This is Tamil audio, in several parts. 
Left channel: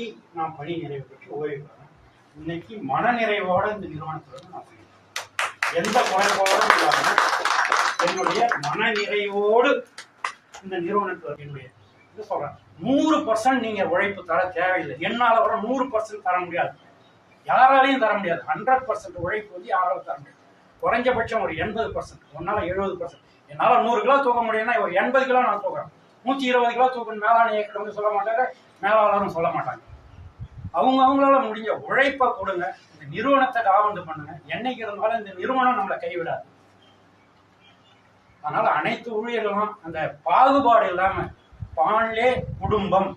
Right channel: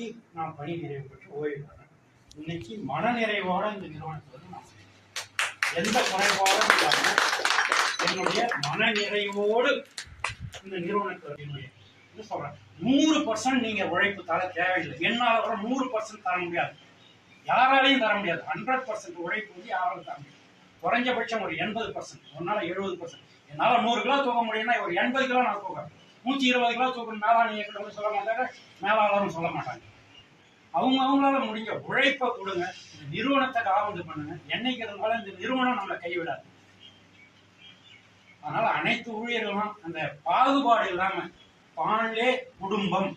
இன்னைக்கு நான் பணி நிறைவு பெற்று ஓய்வு பெறேன். இன்னைக்கு மனநிறைவோட இந்த நிறுவனத்தில் நான் எந்த குறைபாடும் இல்லாமல் என்னுடைய மனநிறைவோடு இந்த நிறுவனத்தில் என்னுடைய சொல்றேன். 100% நீங்க உழைப்பு தர தேவையில்லை. என்னால கூட 100% தர முடியாது, யாராலையும் தர முடியாது. 100% உழைப்பு வந்து யாராலும் தர முடியாது. குறைஞ்சபட்சம் ஒரு 80%, ஒன்னால 70%. என்னால 100 கிலோ தூக்க முடியும்னா ஒரு 80 கிலோ நான் தூக்குறேன். 120 கிலோ தூக்கணும் மேலான இயக்கிட்டு சொல்ல மாட்டாங்க, மேலாளரும் சொல்ல மாட்டாங்க. அவங்களால முடிஞ்ச உழைப்பை கொடுங்க, இந்த நிறுவனத்தை காவந்து பண்ணுங்க. என்னைக்கு இருந்தாலும் இந்த நிறுவனம் நம்மளை கைவிடாது. அதனால அனைத்து ஊழியர்களும் அந்த பாகுபாடு இல்லாம பாண்லே குடும்பம்,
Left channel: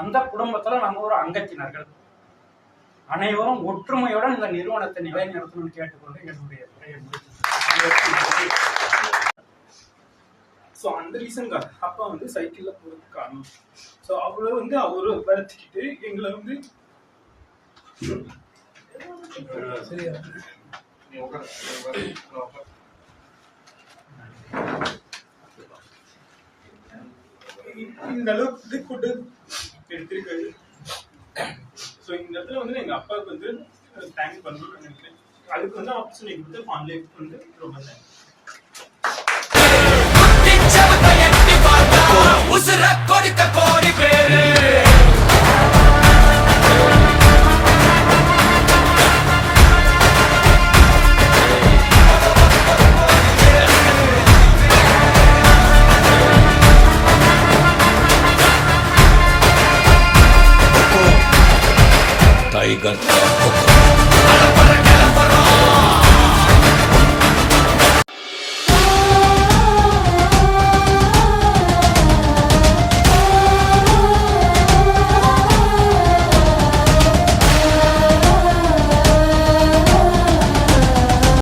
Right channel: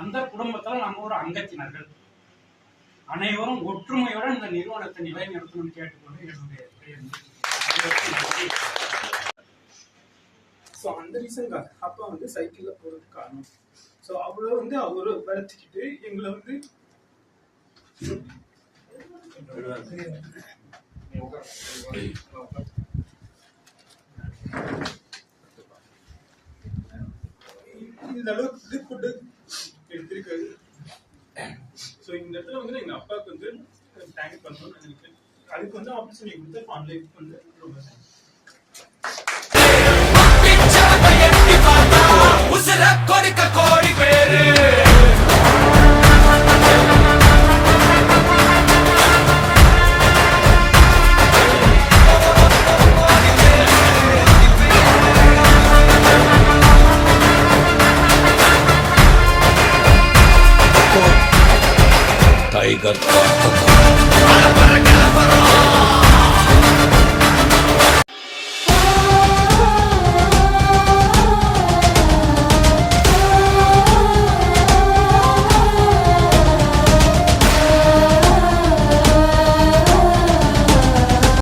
அந்த குடும்பத்துல நம்ம ஒரு அங்கத்தினர்கள், அனைவரும் ஒற்றுமையுடன் இந்த நிறுவனத்தை நிலைநிறுத்தணும்னு கேட்டுக்கொண்டு என்னுடைய உரையை முடிச்சு. ஸோ அந்த ரீசனுக்காக அப்பா வந்து சைக்கிள்ல போறதுக்கு காரணம். ஸோ அவரை வந்து அவரு வளர்த்துக்கிட்டு எங்களை வந்து இந்த அளவுக்கு ஃபுட்டு எடுத்திருக்காரு. ஸோ இந்த இடத்துல வந்து எங்க அப்பாவுக்கு வந்து தேங்க் பண்ணணும்னு நினைக்கிறேன். அதுக்கு வந்து ஆப்பர்ச்சுனிட்டி கொடுத்த ஃபான்லேக்கு வந்து ரொம்ப தேங்க்ஸ். கொடுக்க கோடி பேரு टाइगर का हुक्म।